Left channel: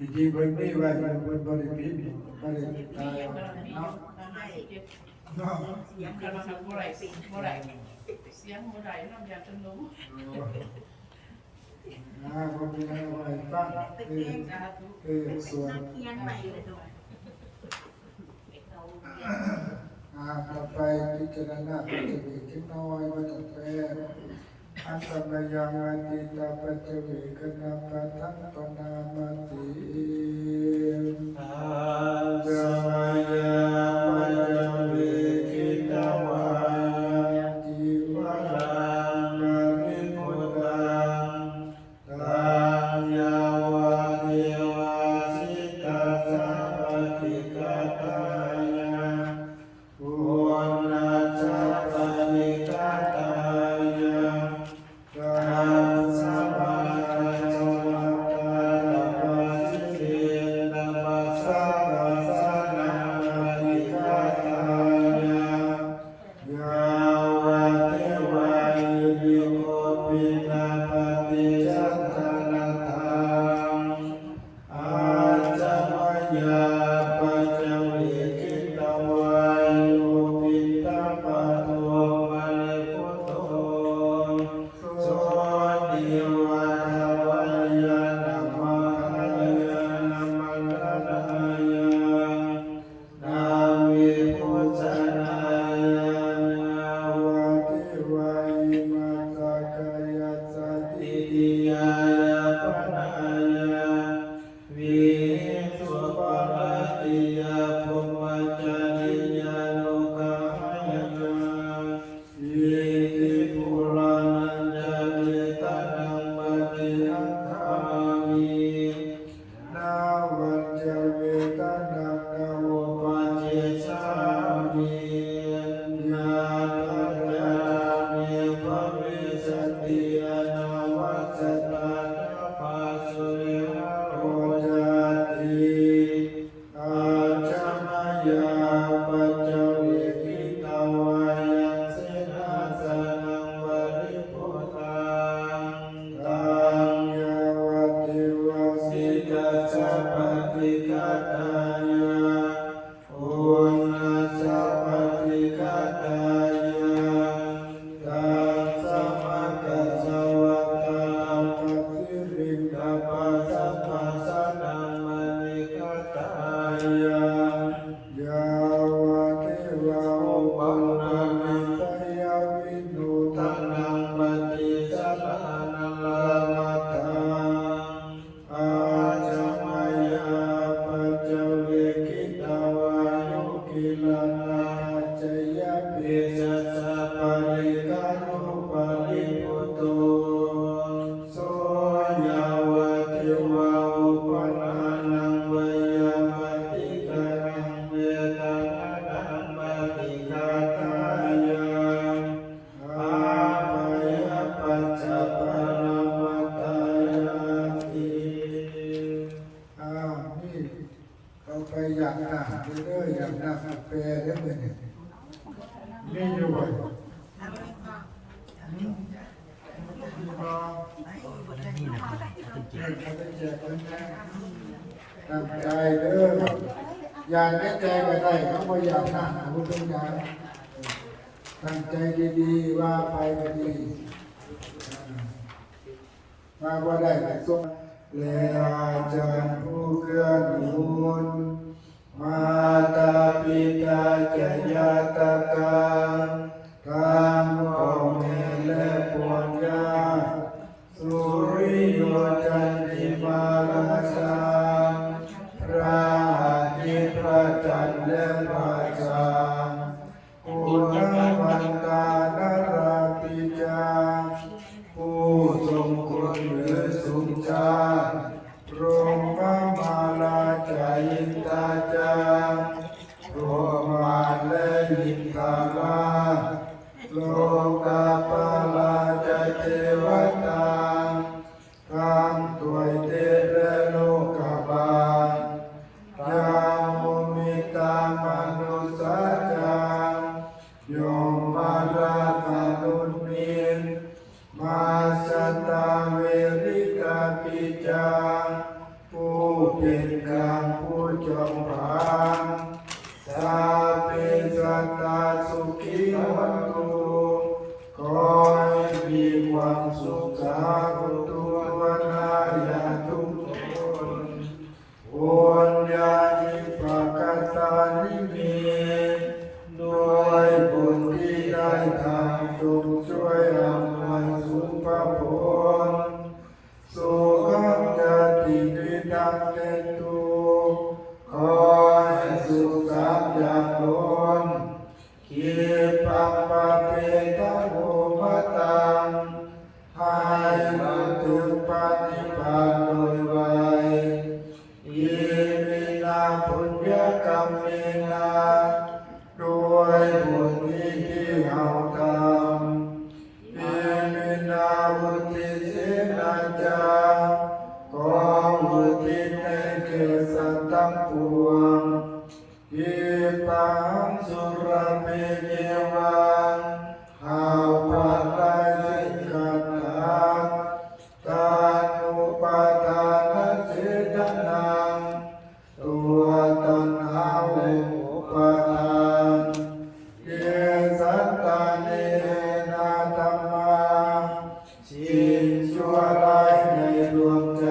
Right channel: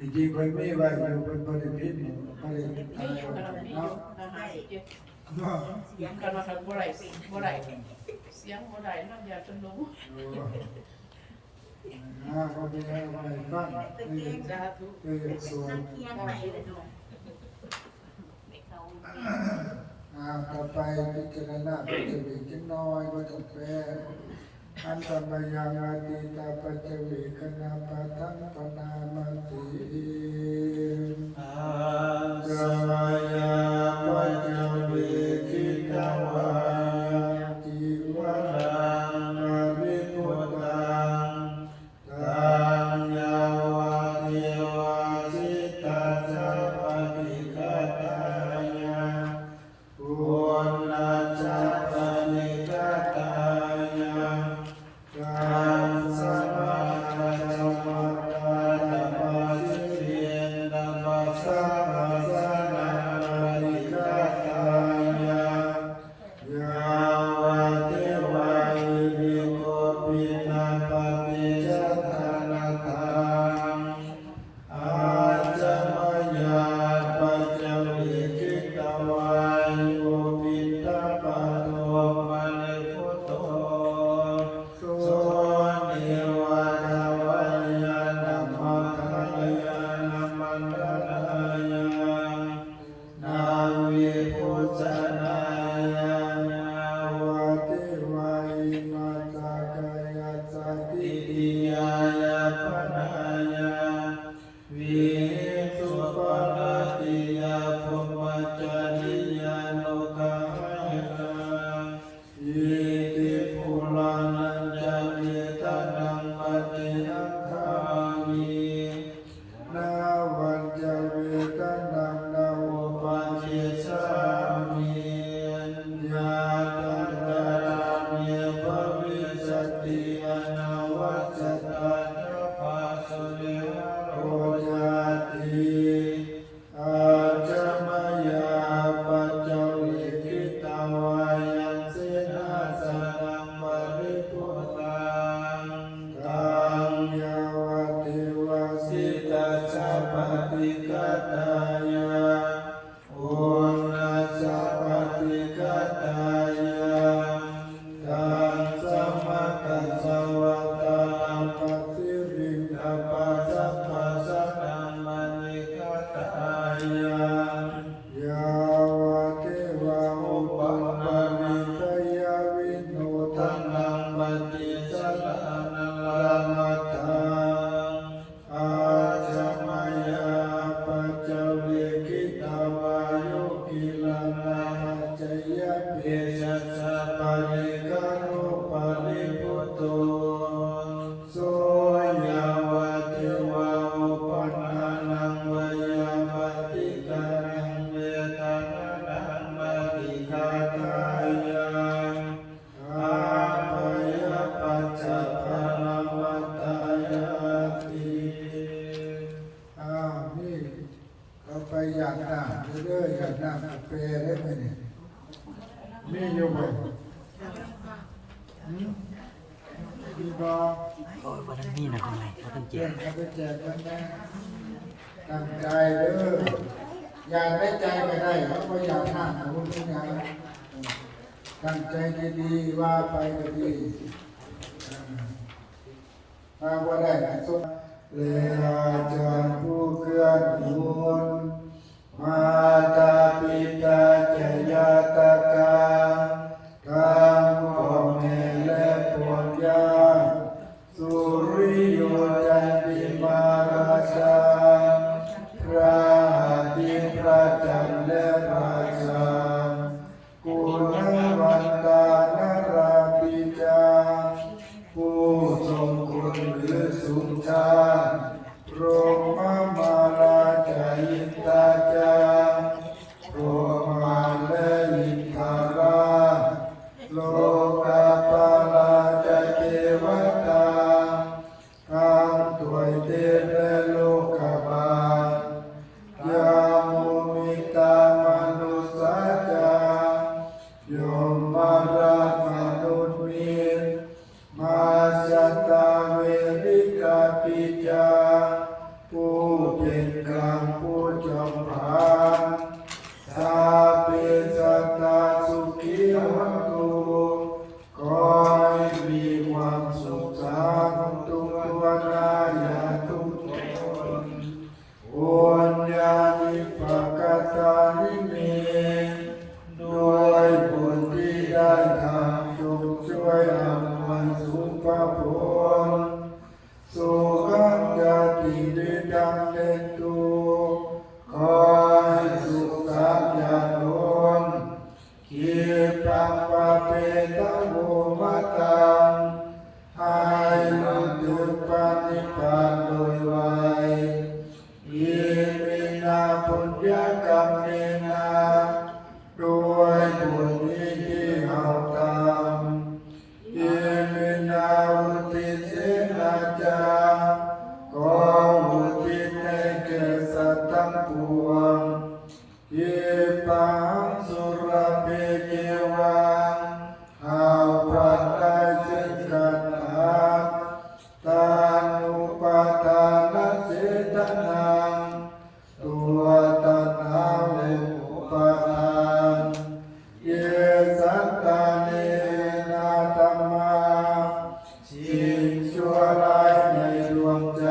จริงๆคนไม่ไหวคนบริพิษบริพิษตายเนาะเสียงกันมาทำเมื่อไรเมื่อไรเสียงเมื่อไรน้ำยาจนรู้เขาเป็นยังไงบ้างส่วนนักเรียนใหม่เลยดงต่อไปพิจารณาปัจจุบันจังน้อยว่าจะแปลอันตรายยังอาทิตาปัจจุบันคณะปัทังปนามาติจายาปัจจุบันกิตวายจิวรังปริมุตตังตัญญาวะเทวะจิตตาสัพพติกตายาปุณณสัพพนิกตายา สัพพะโสตา ากน้ำเด้ออยากน้ำกาแฟได้ไหมเนี่ยนี่อยู่บ่อยู่บ่นี่นะครับต้องเจ็ เจ้า บ เขาจะแจกกันนะตั้งใจเด้ออยากได้ใจก็ได้เขาบ่อยากน้ำบุญงานตั้งใจดีๆว่าไปก็ดีมาบ่ได้ก็สุดและอาจารย์ผู้เกื้อหนุนมาตาปิตาจยาตกาทั้งพ่อแม่และพวกญาติสุริโยจันติมาราชาพระอาทิตย์พระจันทร์และพระชาคุณวันตานราปิจาผู้ทรงคุณหรือสุขชาพรหมมาราชายินตาจาโอมาและยินตาลาโลกาปาลาจเทวตาทางถวยเทพโลกบาลยามุมิตามนุสาจายมมาราคานุมินมาสตาเวริกาปิจาผู้เป็นกลางผู้จอมพานสาเปสัตตาสุขีวันตุขอให้มีความสุขสาธุวนาญาทุกคนโอนญาณิภกตานิเมโดยบุญที่ได้ทำจงช่วยอำนวยสุภาพลสุขังยาติวิดังเตตุขอให้สุขสามอย่างล้นกิปังปะเปตังโอมตังให้บรรลุปฏิปานโดยไวยอิมินาปุญญกรรมเมนาด้วยบุญนี้ที่เฮาทำอิมินาอุทิศนาจาขออุทิศให้แก่สัตว์ทั้งปวงอิปังสุรเปเยวังหาพระได้ซึ่งกันหักตานุปาทานเสตนังตัวตัณหาอุปาทานเยสัตตาเนนาธรรมาสิ่งชั่วร้ายในดวงใจ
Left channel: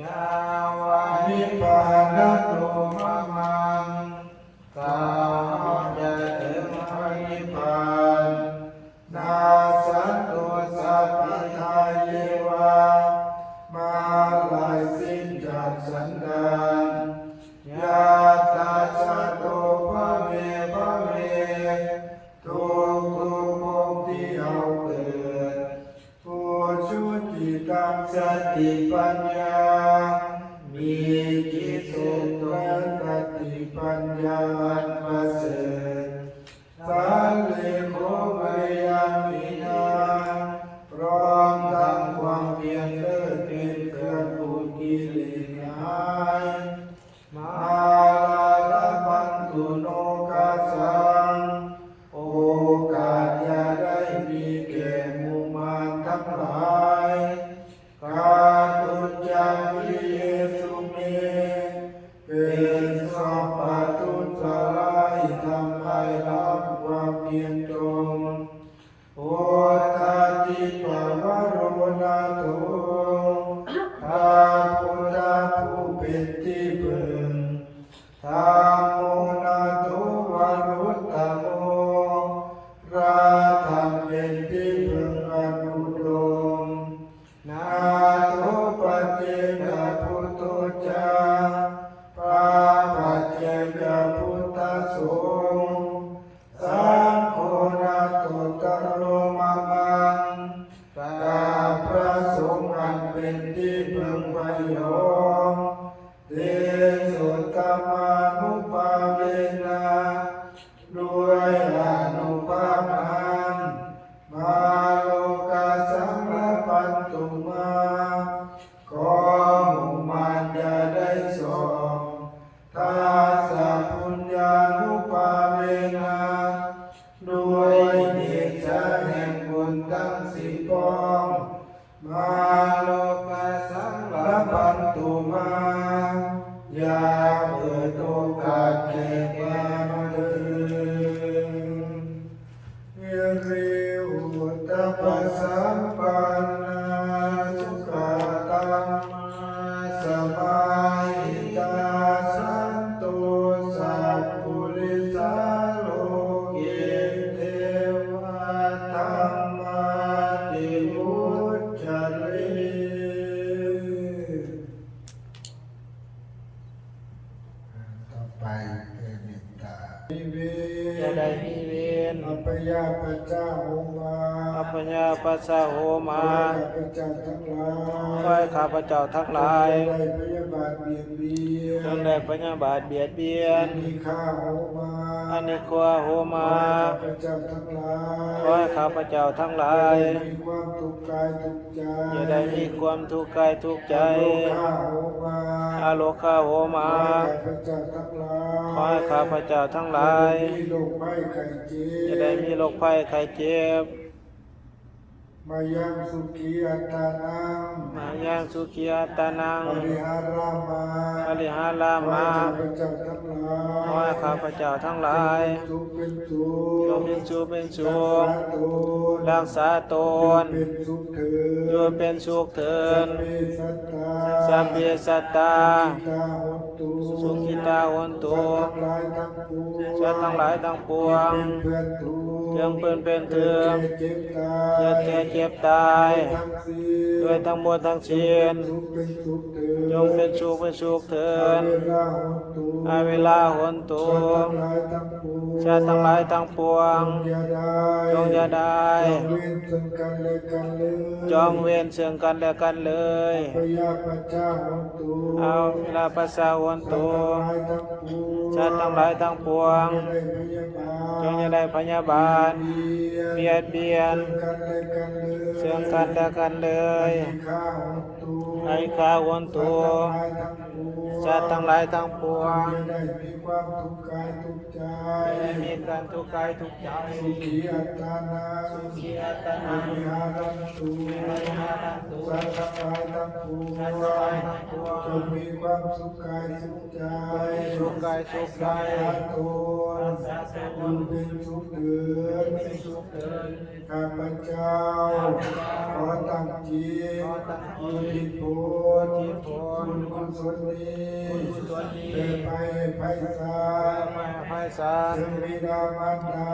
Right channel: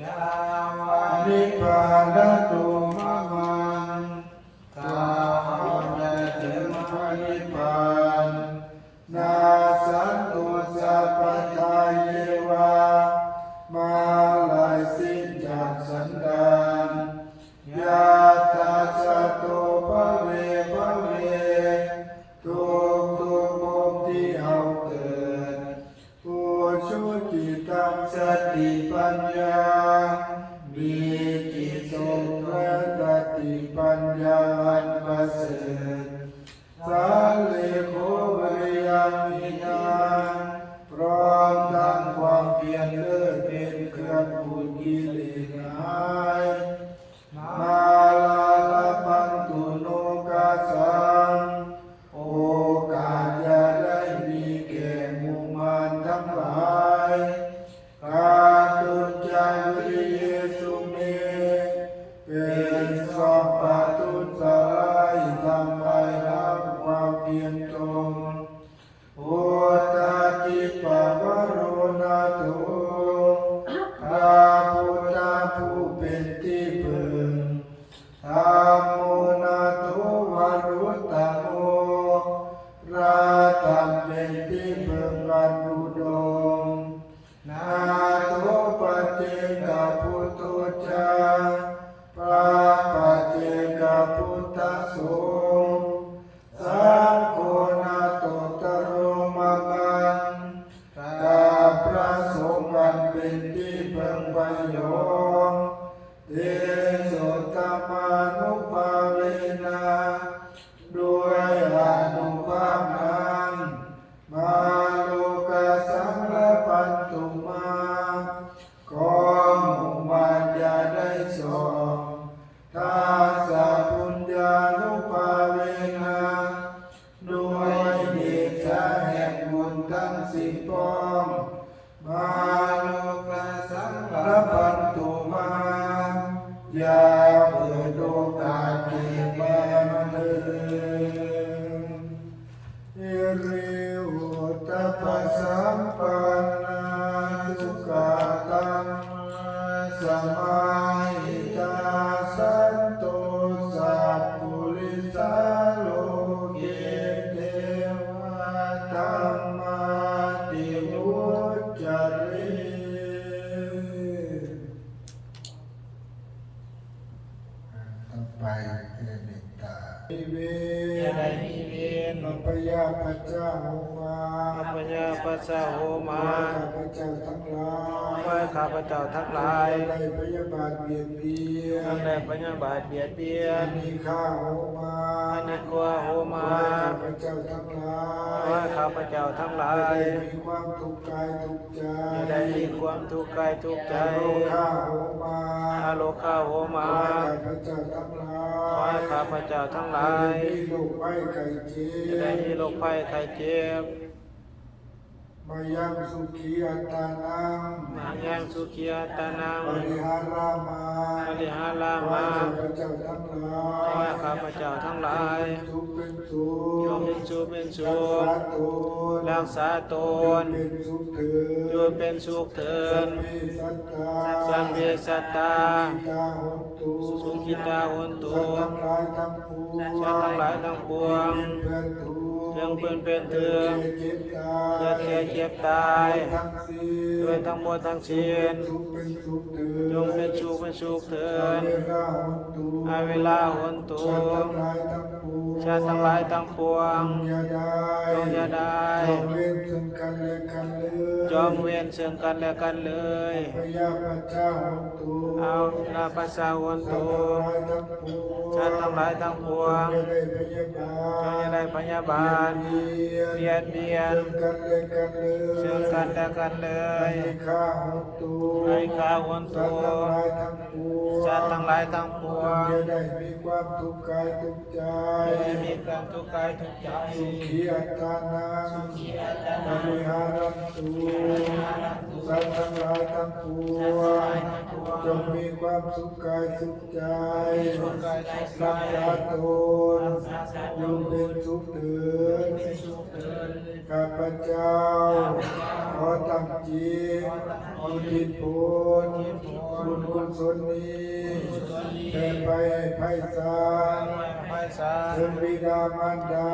ยาวานิพพานตุมะมังกามจะถึงพระนิพพานนาสันตุสัพพทาเยวามาลายสิ้นจากสันดานยาตาสะโตภะเวภะเวทุกภพที่เอาเกิดผู้ชุติตังสติปัญญามีจิตทรงและสติปัญญาอันประเสริฐสาเลโคเวยามินาพร้อมทั้งความเพียรเลิศเป็นเครื่องผูกกิเลสหายมาลาลพันตุโนกาสังโอกาสจะได้มีแก่หมู่มารทั้งหลายกาตุจาวิเยสุเมเป็นสัพพทุสลายทำลายล้างความเพียรตรงโอตาจิปวโรนาโตพระพุทธผู้เป็นที่พึ่งธัมโมนาโตวรุตตโมพระธรรมเป็นที่พึ่งอันอุดมนาโตปเจกพุทโธจาพระปัจเจกพุทธสงฆ์สังโฆนาโตตโรมะมังกาพระสงฆ์อันเป็นที่พึ่งประโยชน์เตสุธรรมานุภาเวนะด้วยอนุภาพนั้นมาโลกาสังฆปันตุมาขอหมู่มารอย่าได้ส่องท นตุมายาเปิดโอกาสแก่บ้านเมืองอิริอุตตปสัมปันนาสุขตังสมาหิตาสันโตสัพพุริสาโลเกเทวตามาติมุจจเร ต่อไปเป็นเมตตานิเว จะได้มีเวร อัปยาปัจจาโหมา อัปญาปัสสะโหมา ข้าพเจ้าทั้งหลาย ขอให้ข้าพเจ้าทั้งหลาย ได้พยาบาทเบียดเบีย ทั้ง น ได้พยาบาทเบียดเบีย อั น นนี้ข้าโหมา อันนี้กลัวโหมา ข้าพเจ้าทั้งหลา ขอให้ข้าพเจ้าทั้งหลาย ได้มีความทุกข์กายทุกข์ใจ อย่าได้มีความทุกข์กายทุกข์ใจ โลกข้าโหมา อาโลกาโหมา ขอให้ข้าพเจ้าทั้งหลาย ขอให้ข้าพเจ้าทั้งหลาย มีโรคภัยไข้เจ็ จะได้มี บ โรคภัยไข้เจ็บ มายังสุขีอัตตานัง มายังสุขีอัตานัง ปริหารามา ปริหารา ขอ มา ให้ข้าพเจ้าทั้งหลาย ขอให้ข้าพเจ้าทั้งหลาย เป็นสุข โยมเป็นสุขเป็นสุข รักษาตน เป็นสุขเถิด โยมเป็นสุขเถิด สัพเพสัตตา สัพเพสัตตา สุขิตาหนตุ สุขิตาหนตุ สัตว์ทั้งหลายทั้งปวง สัตว์ทั้งหลายทั้งปวง เป็นเพื่อนทุกข์ เรื่องเพื่อนเป็นเถื่อน เจ็บตาย เจ็บแก่เจ็บตาย ทั้งสิ้น ด้วยทั้งหมดทั้งสิ้น สุขเป็นสุขเถิด จงเป็นสุขเป็นสุขเถิด อาเวลาหนตุ อาเวลาหนตุ สัตว์ทั้งหลายทั้งปวง ชาติทั้งหลายทั้งปวง จงอย่าได้ จงอย่าได้ จงเว้นซึ่งกันและกันเลย จองเว้นซึ่งกันและกันเลย พยาปัจจาหนตุ เอาเวลาภาษาวัน สัต ตุ ว์ทั้งหลายทั้งปวง ชาติทั้งหลายทั้งปวง จงอย่าได้พยาบาท จงอย่าได้พยาบาทเบียดเบียน ซึ่งกันและกันเลย ซึ่งกันและกันเลย ให้ข้าหนตุ ให้ข้าวันตุชาติทั้งหลายทั้งปวง จะได้มีความทุกข์กายทุกข์ใจ จะได้มีการทุกข์กายทุกข์ใจ สุขีอัตตานา สุขีอัต ป นา ริหารันตุ ปริหารันตุ สัตว์ทั้งหลายทั้งปว สัตว์ทั้งหลาย ง ทั้งปวง จงมีความสุขกายสุขใจ สุขกายสุขใจ รักษาตนอยู่เป็นสุขเถิด เป็นสุขเถิด ข้าพเจ้าขอตั้งจิตจิตผลบุญกุศลนี้เป็นไปให้ไพศาล ไพศาล ถึงบิดามารดา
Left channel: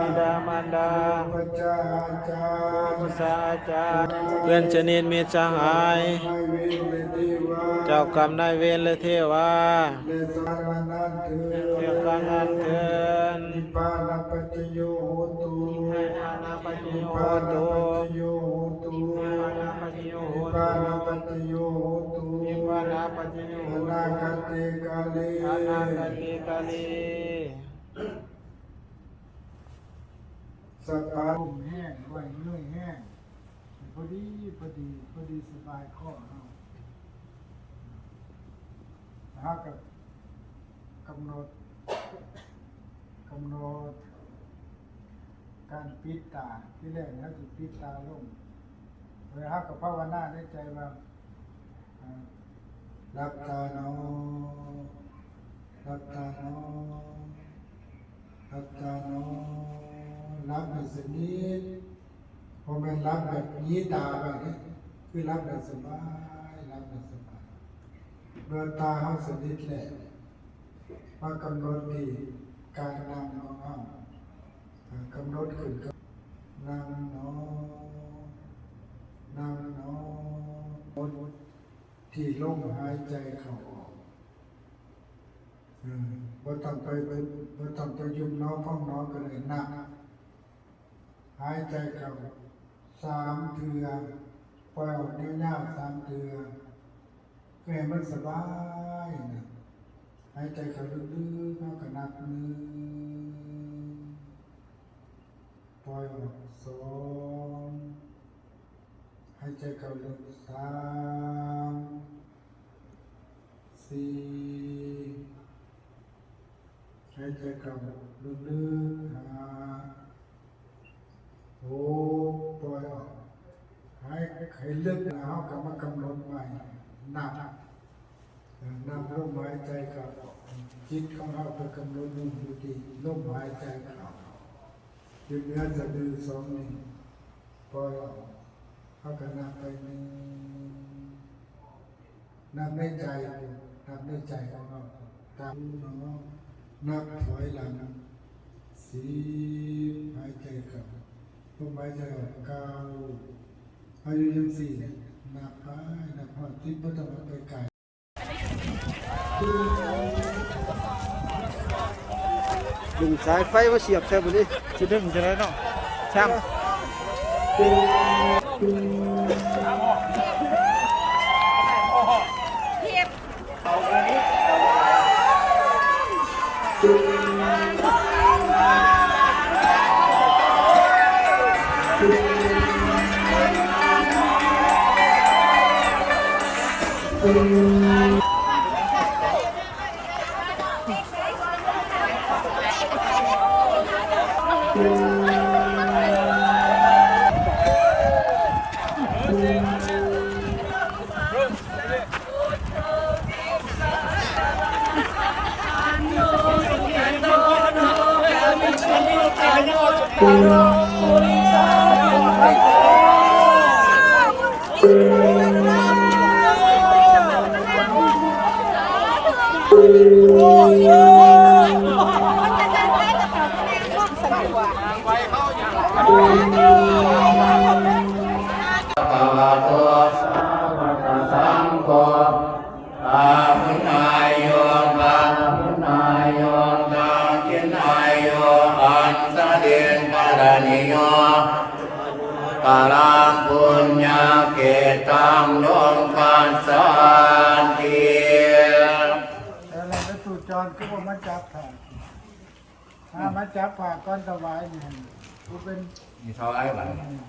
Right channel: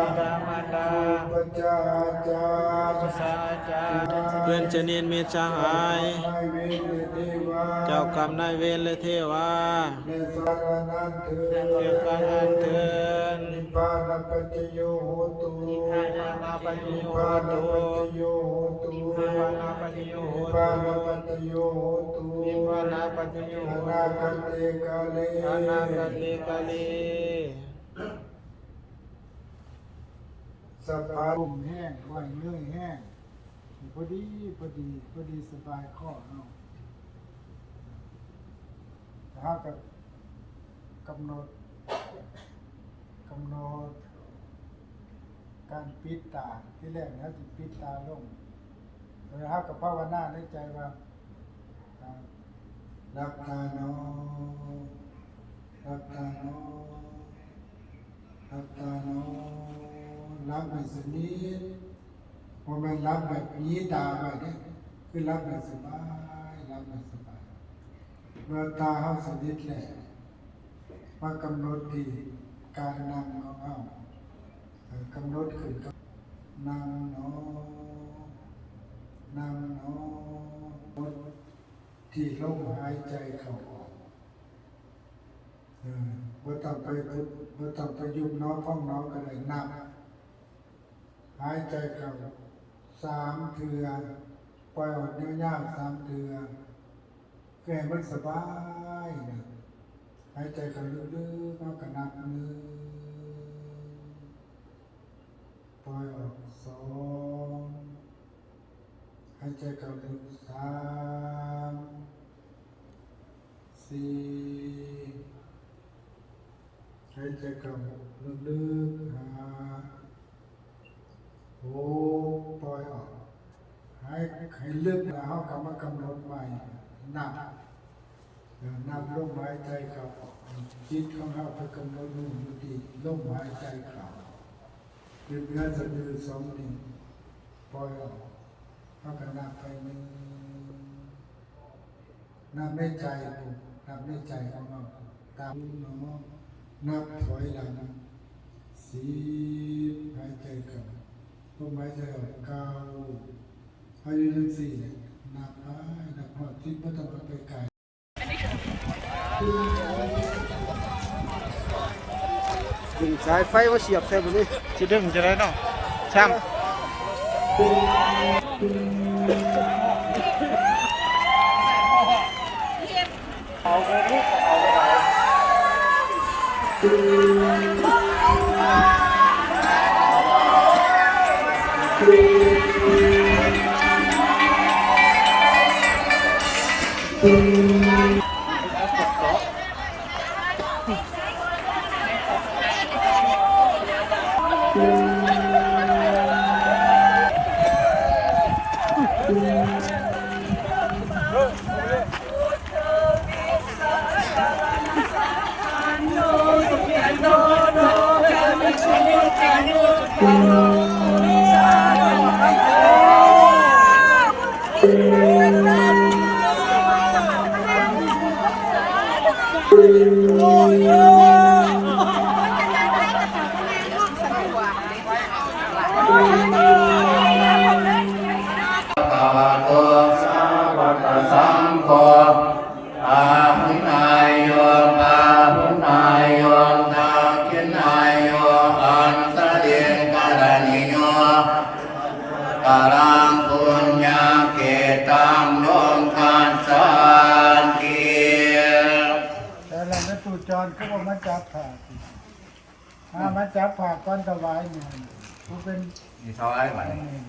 บิดามารดา พระเจ้าอาจารย์ ภาษาอาจารย์เพื่อนชนิดมิตรสหาย นายเวรและเทวา เจ้ากรรมนายเวรและเทวา และสัตว์นั้นเถิด เกี่ยวกับงานเตือน นิพพานปัจจโยโหตุ ปานาปฏิโย นิพพาน โห ปัจ ตุ จโยโหตุ ปานาปฏิโย นิ โห พพา ตุ นปัจจโยโหตุ นิพพานาปฏิโย อ โห นา ตุ คเตกาเล อานาคติกาลี สัพพะ ลมแห้งไหวเงื่อยแห้งพอดีสบายข้อเนาะแล้วกับกำหนดการปิดตาที่แรกนะถูกปิดตาลงโดยฮักกับภาวนาในใจว่า รักตาโนรักตาโนรักตาโนรับแบบสนิทพอเป็นรับแบบยีตาไปเนี่ยคือรับแบบสบายรับแบบสบายเมื่อตาเขาสนิทแหละมากำหนดที่การนำของเขากำหนดขึ้นกับนั่งเนอนั่งเนอที่ลมหายใจเข้าออกบ่ต้องไปยุบน้อพ้องน้อก็ได้นับหายใจเข้า3 เทื่อปล่อยออกยาวๆ3 เทื่อเพื่อให้มันสบายนะหายใจเข้าลึกๆแล้วก็นับ1ปล่อยออก2หายใจเข้าลึก3 4หายใจเข้าลึกๆ5 6ปล่อยออกให้ลึกแล้วเขาก็มากำหนดใหม่นับ นำลมหายใจเข้าจิตของเราไปกำหนดอยู่ที่ลมหายใจเข้าเป็นเนื้อสะดือสองนิ้วปล่อยเอากันนับไปหนึ่งนับในใจนับในใจของเราตามน้องนับถอยหลัง10หายใจเข้าลมหายใจออก9อายุยัง4นับไปนับหอดจิตไม่ต้องไปไกล ดึงสายไฟมาเสียบใส่ไปเลยสิดึงจะได้เนาะช่างเอาไปลูกเอาภะคะโตสาวกสังโฆอาหุนายโยบาหุนายโยตาคินายโยอันตะเดียนกรณิโยกาลังปุญญาเกตังโลกัสสันติ แต่เราไม่ถูกจรก็มาจับผ่ามาจับผ่าก้อนถวายนี่กูเป็น นี่เท่าไรวะเนี่ย